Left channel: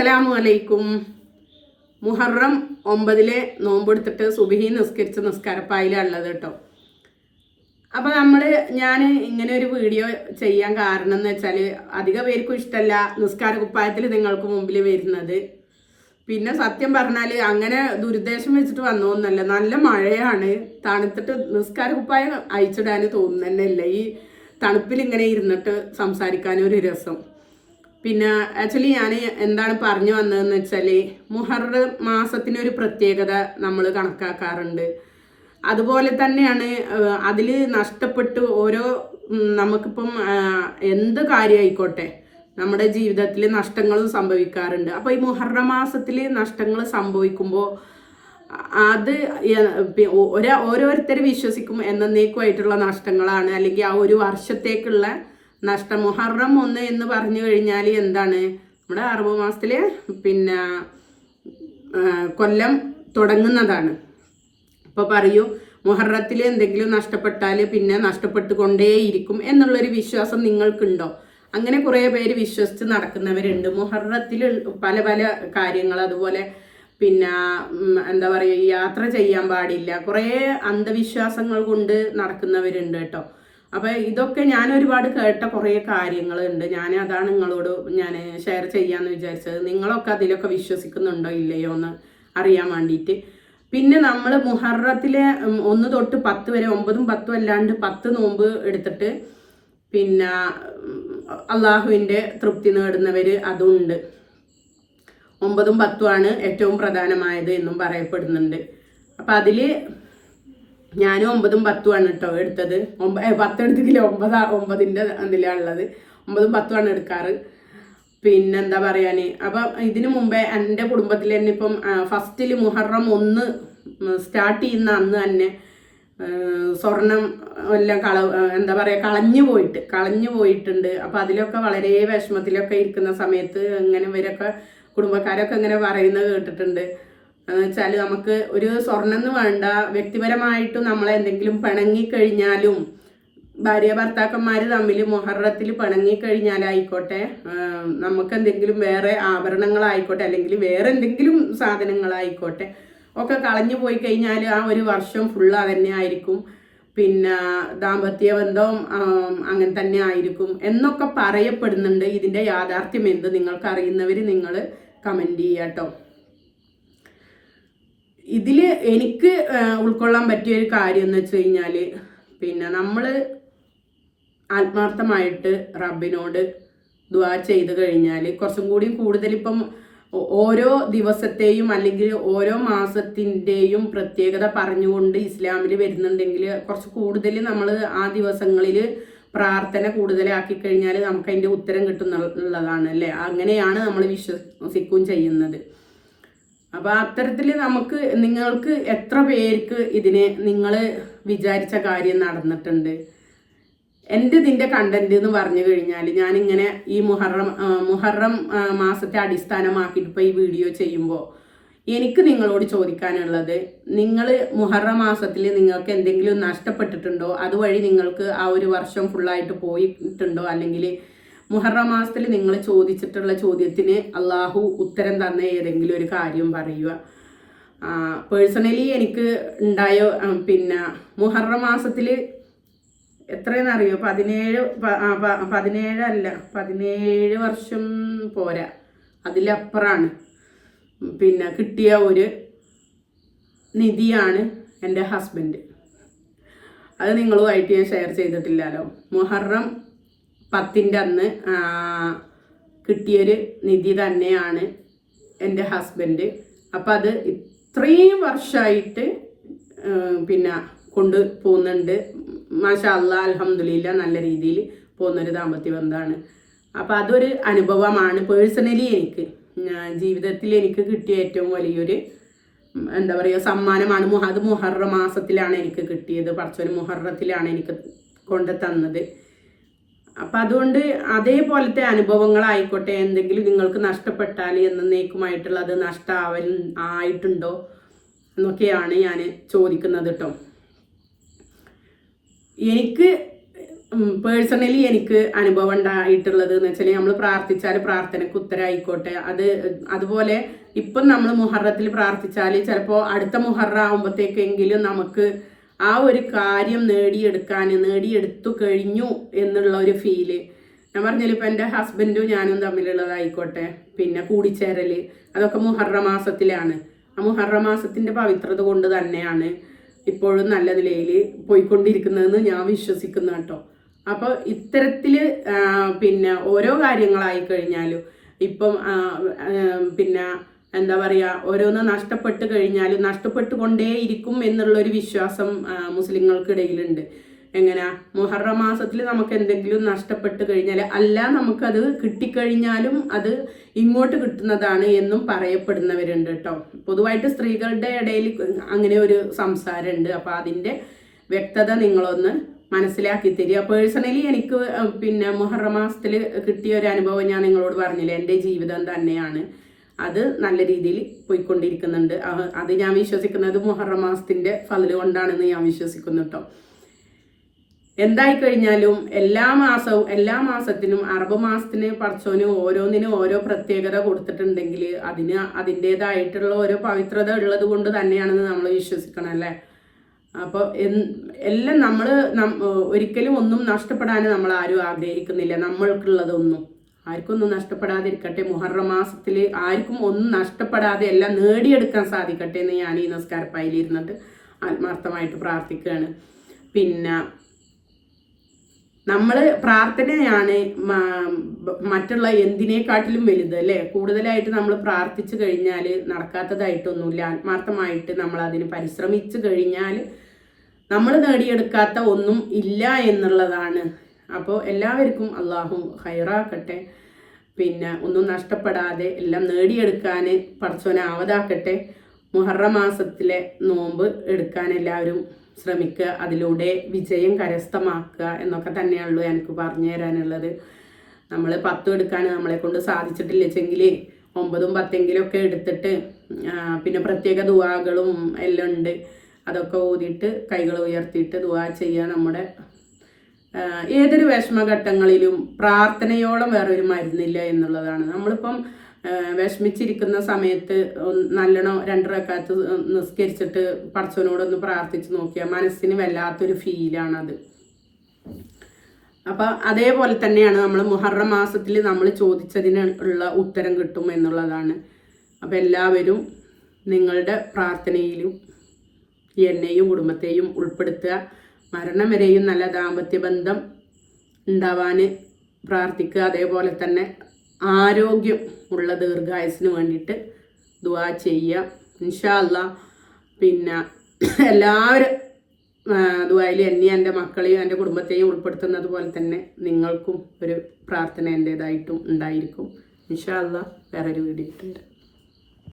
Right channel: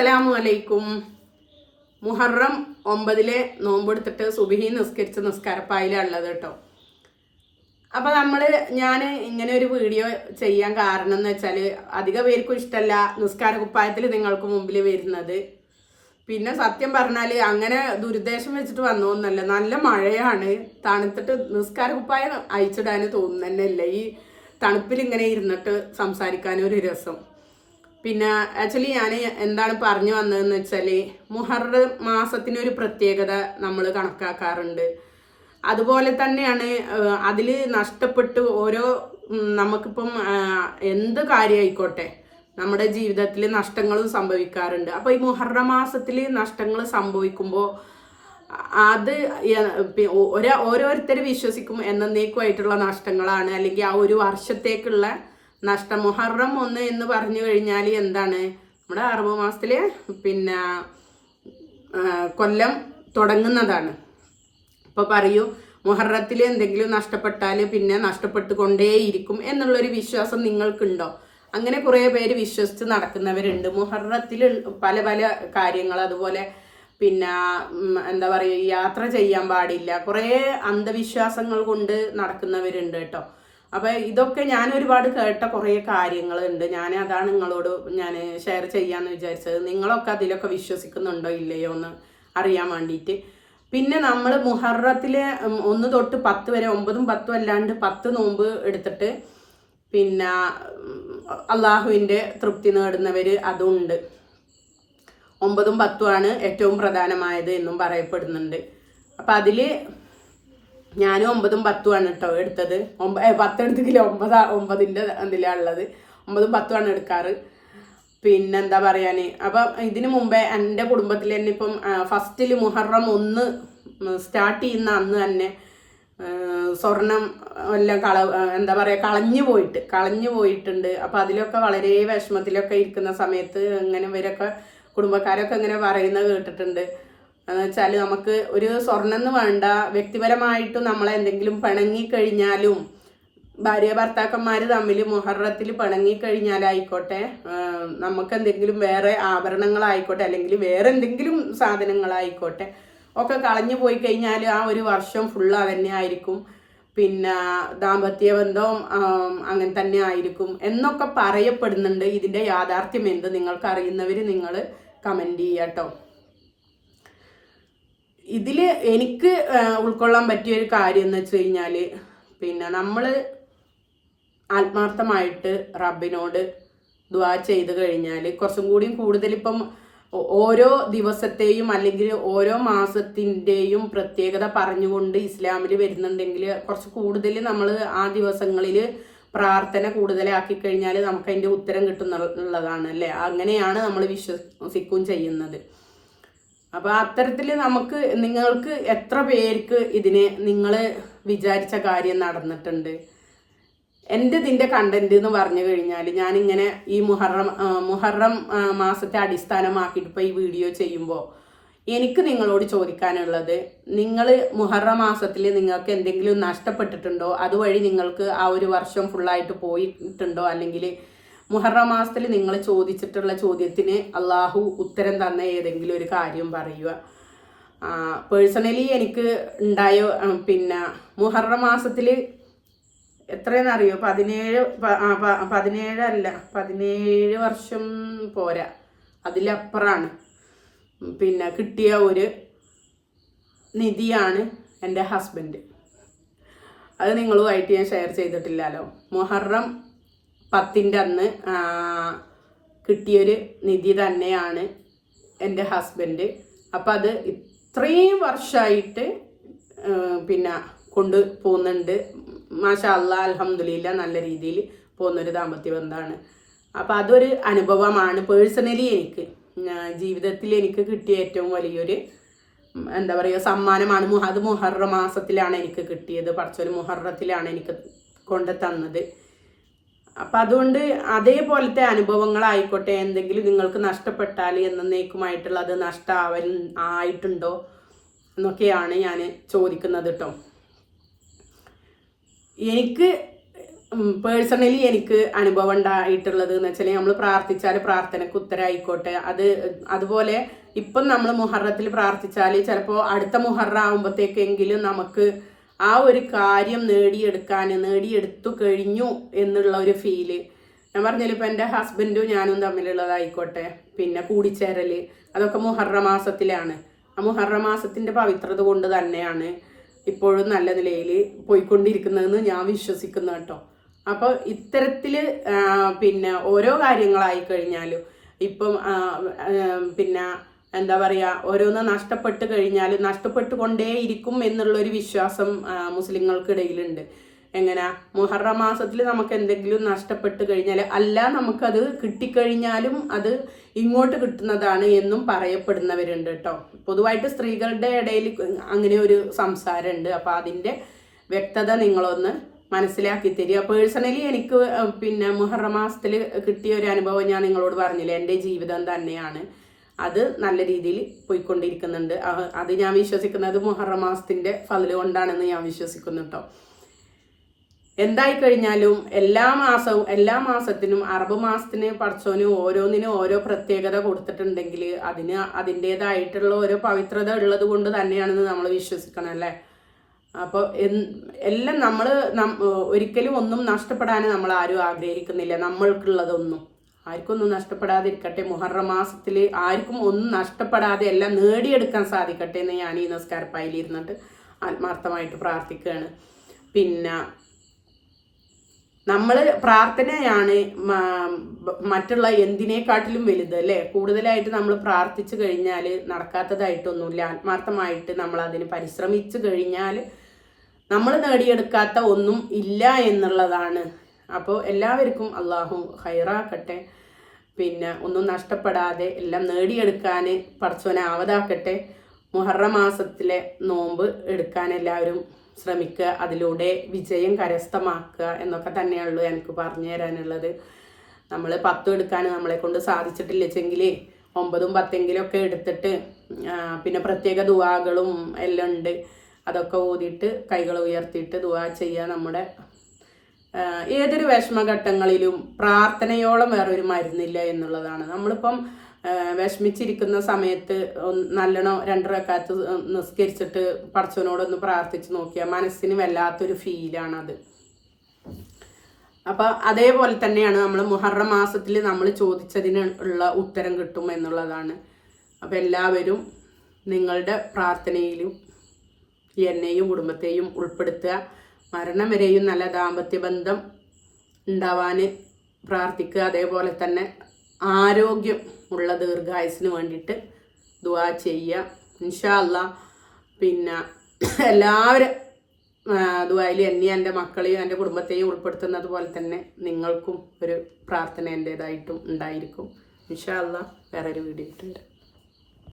അസ്സലാമു അലൈക്കും മുഹറം ഒമ്പതിലെ നോമ്പെടുത്തിട്ട് സുബിഹി നിസ്കരിച്ച നിസ്കാരപ്പായിലാണ് ഉള്ളത് കേട്ടോ. അപ്പോൾ നമ്മൾ ഞാൻ ഇങ്ങനെ ഒരു വീഡിയോ ചെയ്യാൻ കാരണം എന്ന് വെച്ചാൽ അധിക പേർക്കും ഇഷ്ടമല്ല നിസ്കാര കുപ്പായത്തിൽ നിങ്ങൾക്ക് മുമ്പിൽ വരുന്നത്. പിന്നെ സത്യം പറഞ്ഞാൽ അങ്ങനെ ദുരുദ്ദേശം വെച്ചിട്ട് വന്നോന്നല്ല നല്ല മഴയാണ്. തണുത്തിട്ട് നിസ്കാര കുപ്പായം അയച്ചിടാൻ തോന്നുന്നതന്നെയല്ല. ഈ തണുപ്പിൽ ഇങ്ങനെ ഇരുന്നിട്ട് സംസാരിക്കാനൊരു രസം. പിന്നെ ആക്ച്വലി ഞാൻ എന്താണ് പറഞ്ഞു വന്നതെന്ന് വെച്ചാൽ മുഹറ മാസത്തിനൊരു പ്രത്യേകത നമ്മൾ കണക്കാക്കാറുണ്ട്. അതുപോലെ തന്നെയാണ് അതിൽ നഷ്ടപ്പെട്ട് ഓരോ നമുക്കിപ്പം എന്ത് കാര്യമായിക്കോട്ടെ നമ്മുടെ ജീവിതത്തിൽ നഷ്ടങ്ങളും സംഭവിക്കാറുണ്ട്. അപ്പോൾ ഈ മുഹറ മാസത്തിൽ നഷ്ടങ്ങൾ സംഭവിക്കുമ്പോൾ അത് ഓരോ ഓരോരുത്തർ വിശ്വസിക്കും എന്നേക്കുമായിട്ടുള്ള നഷ്ടങ്ങളാണ്. അല്ലെങ്കിൽ ആ ഒരു വർഷത്തേക്കുള്ള നഷ്ടം മുഹറം ഒന്ന് എന്ന് പറഞ്ഞു കഴിഞ്ഞാൽ എന്താണ്? നമ്മുടെ അറബ് മാസത്തിൽ പിന്നെ കൊല്ലം തുടങ്ങുന്നതാണ്. അപ്പോൾ പറയൂ മുഹറത്തിൽ എന്തെങ്കിലും നഷ്ടപ്പെട്ടാൽ പിന്നെ നഷ്ടപ്പെട്ടുകൊണ്ടേയിരിക്കും എന്നുള്ളൊരു വിശ്വാസം നിങ്ങൾക്കുണ്ടോ? അങ്ങനെ കുറേ പേര് വിശ്വസിച്ച് നടക്കുന്നവരുണ്ട്. മുഹറത്തിൽ പല പല കാര്യങ്ങൾ അതുപോലെ പിന്നെ എന്താ പറയുക യാത്ര ചെയ്യാൻ പാടില്ല. കുറേ അന്ധവിശ്വാസങ്ങൾ കൊണ്ട് നടക്കുന്നവരുണ്ട് കേട്ടോ. അപ്പോൾ ഇതൊക്കെ ഞാൻ ഒരുപാട് കേട്ട കുറേ കാര്യങ്ങളുണ്ട്. ഞാൻ അതാണ് നിങ്ങളോട് ഞാൻ ഷെയർ ചെയ്യാന്ന് വിചാരിച്ചത്. നിങ്ങളൊക്കെ അതിലൊക്കെ വിശ്വസിക്കുന്നുണ്ടോ ഇല്ലയോ എന്ന് അറിയാൻ വേണ്ടിയിട്ട്. പിന്നെ നമ്മൾ മുഹറത്തിലെ ഒന്ന് തൊട്ട് പത്ത് വരെ ഒമ്പതും പത്തും അല്ലാണ്ട് പത്ത് നോമ്പ് എടുത്തിട്ട് പിന്നെ അള്ളാഹുവിന്റെ തൃപ്തി നേടുന്നവർ അതുണ്ട്. ഒമ്പതും പത്തുമാണ് ഏറ്റവും പ്രധാനമായത് എന്നും പറയപ്പെടുന്നുണ്ട്. അപ്പം അതിൽ ഞാനും ഒമ്പതും പത്തുമാണ് കേട്ടോ എടുത്തത്. ഒമ്പ ഏ, പത്ത് എടുത്തിട്ടില്ല. ഒമ്പതാ ഒമ്പതിന്റെ അതിലാണ് ഉള്ളത്. ഒമ്പതും പത്തുമാണ് എടുക്കാറ്. പിന്നെന്താ പറയാൻ അപ്പം ഇതിനു മുമ്പേ എന്റെ കുടുംബത്തിൽ തന്നെ ഇപ്പം ഫസ്റ്റിൽ മുഹറം ഒന്ന് സ്റ്റാർട്ട് ചെയ്യുന്ന അന്ന് തന്നെ സ്വർണം എല്ലാം കള എന്താ പറയുക കളഞ്ഞു പോയിട്ട് കളഞ്ഞു പോയിട്ടുണ്ട്. അപ്പം അതിലൊക്കെ വളരെ വിഷമത്തിലൊക്കെ ഇരിക്കുന്ന സമയത്ത് ഇങ്ങനെ ഇവരൊക്കെ കുടുംബക്കാരൊക്കെ ഇങ്ങനെ പറയുന്നത് കേട്ടിട്ടുണ്ട്. എന്ന് വെച്ചാൽ നമുക്ക് ഒരു സ്വർണം എന്ന് വേണ്ട വ്യക്തിപരമായിട്ടും നമ്മളെ എന്തെങ്കിലും പിണങ്ങിക്കഴിഞ്ഞാലും ഭാര്യ ഭർത്താക്കന്മാർ തമ്മിൽ മൊഹറത്തിൽ പിണങ്ങിക്കഴിഞ്ഞാലായിക്കോട്ടെ നമുക്ക് എന്തെങ്കിലും വേറെ ആഭരണങ്ങളായിക്കോട്ടെ അല്ലെങ്കിൽ വേറെ എന്തെങ്കിലും സാധനങ്ങളായിക്കോട്ടെ ഒക്കെ കളഞ്ഞു പോയി കഴിഞ്ഞാൽ ആ ഒരു വർഷം ഫുൾ അതന്നെ ആയിരിക്കും. പിന്നെ ദാമ്പത്യ ബന്ധം അങ്ങനെ തന്നെ ആയിരിക്കും എന്നൊക്കെ പറയപ്പെടുന്നുണ്ട്. ഇതിന്റെ യാഥാർത്ഥ്യം എന്ത്? നിങ്ങൾക്ക് അറിയുന്നവർ നിങ്ങൾ കമന്റ് ചെയ്യാട്ടോ. ഇതിൽ എനിക്ക് ഉൾക്കൊള്ളാൻ പറ്റിയ ഒരു കാര്യം എന്ന് വെച്ച് കഴിഞ്ഞാൽ പിന്നെ നമ്മൾ ആത്മാർത്ഥമായിട്ട് റബ്ബിനോട് ദ്വാ ചെയ്ത് കഴിഞ്ഞാൽ കുറച്ചും കൂടി കൂടുതൽ ഇപ്പം ഓരോ ദിവസത്തെയും അല്ലെങ്കിൽ ഓരോ മാസത്തിന്റെയും പ്രത്യേകത പറഞ്ഞുകൊണ്ട് ഇസ്ലാമിൽ വരുന്നുണ്ടെങ്കിൽ കുറച്ച് കൂടുതൽ നമ്മൾ ആ ദിവസങ്ങളിൽ പ്രാർത്ഥന കൂടുതലാക്കി കഴിഞ്ഞാൽ നമുക്ക് അതിന്റെ ഉത്തരം കിട്ടുന്നുള്ളതാണ് അല്ലേ? അങ്ങനെയാണ് നമ്മൾ വിശ്വസിക്കുകയും ചെയ്യുന്നത്. അപ്പോൾ അത്തരത്തിൽ നമുക്ക് നിങ്ങൾക്ക് എത്ര പേർക്ക് ഇതിന് നിങ്ങൾ വിചാരിച്ച കാര്യം നടന്നിട്ടുണ്ട്? എന്റെ ഇതിന്റെ കണ്ടന്റ് എന്ന് പറഞ്ഞു കഴിഞ്ഞാൽ ഞാനിങ്ങനെ ഈ മുഹറം മുഹറം മാസത്തെ അടിസ്ഥാനമാക്കിയിട്ട് ഇപ്പോൾ ഈ വീഡിയോ ചെയ്യുമ്പോൾ എനിക്ക് നിങ്ങളോട് ചോദിക്കാനുള്ളത് നിങ്ങൾ മുഹറം മാസത്തിൽ നിങ്ങൾക്ക് എന്തെങ്കിലും നഷ്ടപ്പെട്ടിട്ടുണ്ടോ? അതുവഴി നിങ്ങൾക്ക് ആ ഒരു വർഷം ഫുള്ളായിട്ട് പോയിട്ടുണ്ടോ? അല്ലെങ്കിൽ മുഹറം മാസത്തിൽ നിങ്ങൾ ചോദിച്ചിട്ടുള്ള ചോദ്യത്തിന് അള്ളാഹു ഉത്തരം തന്ന ഏതെങ്കിലും ഒരു കാര്യം പറയുക. പേഴ്സണലി എനിക്ക് ഉണ്ടായ പിന്നെ മുഹറം മാസത്തിൽ എത്രയെന്നറിയോ പതിനേഴ് പ- ആ, പ- പതിനേഴ് അല്ല പതിനേഴ് വർഷം പോരാ. അതിലപ്പുറമാണ് പിന്നെ കിട്ടിയ ഒരു നിധിയാണ് എന്റെ ഹസ്ബൻഡ് അത് നിങ്ങളുമായിട്ട് ഞാൻ ഷെയർ ചെയ്തിട്ടില്ലല്ലോ. മുഹറം പത്തിന്റെ അന്ന് കിട്ടിയൊരു നിധി തന്നെയാണ് എന്റെ ഹസ്ബൻഡ്. അപ്പം അത് ഇത്രയും വർഷമായിട്ട് പിന്നെ കൊണ്ട് പോകുന്നുണ്ട്. മാഷാ അല്ലാ അലഹമുല്ല നല്ല രീതിയിൽ പോകുന്നൊരു ദാമ്പത്യ ബന്ധമാണ് അപ്പം അതൊരു അനുഭവമാണ് പേഴ്സണലി എനിക്ക്. ജീവിതത്തിൽ എനിക്ക് കിട്ടിയ ഏറ്റവും വലിയൊരു എന്താ പറയുക സമ്മാനമാണ് അത് മുഹറ മാസത്തിലാണ് എനിക്ക് കിട്ടിയത്. പറച്ചൊരു മുഹറത്തിലാണ് എനിക്ക് കൊണ്ട് തന്നത്. അപ്പം അതുകൊണ്ട് അതേപോലത്തെ അനുഭവങ്ങളായിക്കോട്ടെ എന്തെങ്കിലും നിങ്ങൾക്ക് നഷ്ടപ്പെട്ടാൽ എന്നേക്കുമായിട്ടുള്ള അത് നഷ്ടാവൻ ആയിട്ടുണ്ടോ എന്നൊക്കെയാണ് ഞാൻ ചോദിക്കുന്നത് കേട്ടോ എനിക്ക് പേഴ്സണലി എനിക്ക് അനുഭവം ഉണ്ടായിട്ടുള്ളത് എന്ന് വെച്ചാൽ നമ്മൾ പ്രാർത്ഥിച്ചാൽ പ്രാർത്ഥനയ്ക്ക് ഉത്തരമായിക്കോട്ടെ അത് അതുപോലെ ഇപ്പം നമ്മൾ മുഹറത്തിൽ പ്രാർത്ഥിച്ചാൽ ചിലപ്പോൾ അടുത്ത മുഹറ ആകുമ്പോഴത്തേക്കെങ്കിലും നമുക്ക് ആ ഒരു കാര്യം നേടിയെടുക്കാൻ നേടിയെടുത്തു കഴിഞ്ഞു എന്നുള്ള ഒരു ഫീൽ ഞാൻ പറഞ്ഞാൽ ഇപ്പം എന്റെ ഹസ്ബൻഡും ഞാനും തമ്മിലുള്ളതായിക്കോട്ടെ പിന്നെ കൂടിച്ചേരൽ അതൊക്കെ മുഹറ മാസത്തിലാണ്. ആ മുഹറ മാസത്തിന്റെ പവിത്രത കൊണ്ട് തന്നെയാണ് ഇപ്പോഴും നല്ല നിലയിൽ പോയിക്കൊണ്ടിരിക്കുന്നതെന്ന് ഞാൻ വിശ്വസിക്കുന്നു കേട്ടോ. അപ്പോൾ ഇത്തരത്തിൽ പിന്നെ ഓരോ കാര്യങ്ങളായി കഴിഞ്ഞാലും ഇപ്പം പിന്നെ എന്താ പറയുക ഓരോന്ന് നഷ്ടപ്പെട്ട് കഴിഞ്ഞാൽ നഷ്ടപ്പെട്ടുകൊണ്ടേ ഇരിക്കും എന്നുള്ളൊരു വിശ്വാസം മുസ്ലിങ്ങൾക്കിടയിലുണ്ട്. എങ്ങനെ? മുഹറ മാസത്തിൽ നമുക്ക് എന്തെങ്കിലും നഷ്ടപ്പെട്ട് കഴിഞ്ഞാൽ അല്ല നമുക്കത് കിട്ടിക്കഴിഞ്ഞാലും അത് ഇങ്ങോട്ട് കിട്ടുന്നതാണ് എന്നും പറയപ്പെടുന്നവരുണ്ട് കേട്ടോ. പൊതുവായിട്ട് സ്ത്രീകളുടെ ഇടയിൽ അങ്ങനെ ഒരു സംസാരമുണ്ട്. അപ്പോൾ അതിന്റെ വ്യക്തത നിങ്ങളൊന്ന് മനസ്സിലാക്കി തരിക. പേഴ്സണലി എനിക്ക് പിന്നെ മുഹറ മാസത്തിൽ കിട്ടിയ ഒരു അനുഭവം ഞാൻ നിങ്ങളോട് പറഞ്ഞില്ല? എന്റെ ജീവിതം തന്നെയാണ്. അത് നല്ല രീതിയിൽ പോയിക്കൊണ്ടിരിക്കുന്നുണ്ട്. അത് ഞാൻ വിശ്വസിക്കുന്നത് മുഹറം മാസത്തിന്റെ ഫലം കൊണ്ടാണെന്ന് ഞാൻ വിശ്വസിക്കുന്നു കേട്ടോ എന്തായി കഴിഞ്ഞാലും എല്ലാ മാസവും എല്ലാ മാസത്തിനും അറബ് മാസത്തിന് പടച്ചോന് ഓരോന്നിനും ഓരോ പ്രത്യേകത കൊടുത്തിട്ടുണ്ടെങ്കിൽ അതിന് അതിന്റെതായിട്ടുള്ള ഓരോ പവിത്രത ഉള്ളത് കൊണ്ട് തന്നെയാണെന്ന് നമ്മൾ വിശ്വസിക്കണം അല്ലേ? അപ്പോൾ എല്ലാം നമ്മൾ ഒരിക്കലും ഒന്നും നഷ്ടപ്പെടാൻ നമ്മൾ ആരും ആഗ്രഹിക്കുന്നില്ല. നമ്മൾക്കുള്ളതൊന്നും. ആർക്കൊന്നും നഷ്ടപ്പെടാതിരിക്കട്ടെ. മുഹറം മാസത്തിൽ ആർക്കും ഒന്നും നഷ്ടപ്പെടാതെ എല്ലാം നേടിയെടുക്കാൻ സാധിക്കട്ടെ എന്ന് ഞാൻ ഈ നമസ്കാരപ്പായിൽ ഇരുന്നിട്ട് ആത്മാർത്ഥമായിട്ട് പ്രാർത്ഥിക്കുകയാണ്. പിന്നെ നമ്മൾ പ്രാർത്ഥനയാണ് മറ്റുള്ള എന്തിനേക്കാട്ടിലും വലുത് അല്ലേ? കൂടുതലായിട്ട് നമ്മൾ പ്രാർത്ഥിച്ചു കഴിഞ്ഞാൽ നടക്കാത്തതായിട്ടൊന്നുമില്ല. ആത്മാർത്ഥമായിട്ട് നമ്മൾ അതിന് പരിശ്രമിച്ചു കഴിഞ്ഞാൽ നമ്മൾ നേടിയെടുക്കാത്ത ഒന്നും ഇല്ല എന്നുള്ളതാണ് അപ്പോൾ എല്ലാവർക്കും അള്ളാഹു ഹൈറാക്കട്ടെ പിന്നെ ഒന്നും നഷ്ടപ്പെടാതെ എല്ലാം നേടിയെടുക്കാൻ പടച്ചോനെ ആവതാക്കട്ടെ. മുഹറ മാസത്തിലെ നോമ്പ് എടുക്കാൻ എല്ലാവരും ശ്രമിക്കുക. അതിലൂടെ വിജയം കരസ്ഥമാക്കുക എന്നൊക്കെ തന്നെയുള്ളൂ എനിക്ക് പറഞ്ഞു തരാനുള്ളത്. നമ്മൾ പത്തും എടുക്കാൻ നമ്മളെ കൊണ്ട് സാധിച്ചിട്ടില്ലെങ്കിൽ ഒമ്പതും പത്തെങ്കിലും ഒക്കെ എടുത്തിട്ട് പിന്നെ പ്രത്യേക ദുവാകളും എല്ലാം ഉണ്ട്. അതൊക്കെ ഓതിയിട്ട് കൈകൾ ഉയർത്തിയിട്ട് ദുവാ ചെയ്യുക നമ്മുടെ ഏതൊരു വിഷമഘട്ടങ്ങളിലും പ്രാർത്ഥനയോളം വേറൊരു മരുന്നില്ല എന്നുള്ളതാണ്. നമ്മളിപ്പം വിഷമിച്ചിരിക്കുന്ന സമയത്ത് നല്ലോണം രണ്ടരക്കാലത്ത് നിസ്കരിച്ചിട്ട് പടച്ചവനോടൊന്ന് പ്രാർത്ഥിച്ച് നോക്കിയാൽ മനസ്സിന് വല്ലാത്തൊരു ഫീലാണത്. അപ്പൊ അതേപോലെ തന്നെയാണ് നമ്മൾ മുഹറം മാസത്തിൽ നമ്മൾ ചോദിച്ചതിന് ഉള്ള ഉത്തരം കിട്ടും എന്നുള്ളതാണ്. അപ്പൊ എല്ലാവരും നിങ്ങളുടെ പ്രാർത്ഥനയിലും എന്നെയും കുടുംബത്തെയും ഉൾപ്പെടുത്തുക. മരണം വരെയും നല്ല ദാമ്പത്യ ബന്ധം ഉണ്ടാവാൻ പ്രാർത്ഥിക്കുക. അതേപോലെ തന്നെ ആരോഗ്യം ഉള്ള ദീർഘായുസിന് വേണ്ടിയിട്ട് ദുവാ ചെയ്യുക. ഇൻഷാ അല്ലാ പിന്നെ എല്ലാവരും ദുബായിൽ എന്നെയും എന്റെ മക്കളെയും എന്റെ കുടുംബത്തെയും ഉൾപ്പെടുത്തുന്നത് പോലെ തന്നെ നിങ്ങൾക്കും ഒരു പ്രാർത്ഥന എന്റേതായിട്ടും ഉണ്ടായിരിക്കും. ഇൻഷാല്ല വേറൊരു വീഡിയോ ഇട്ടുണ്ട്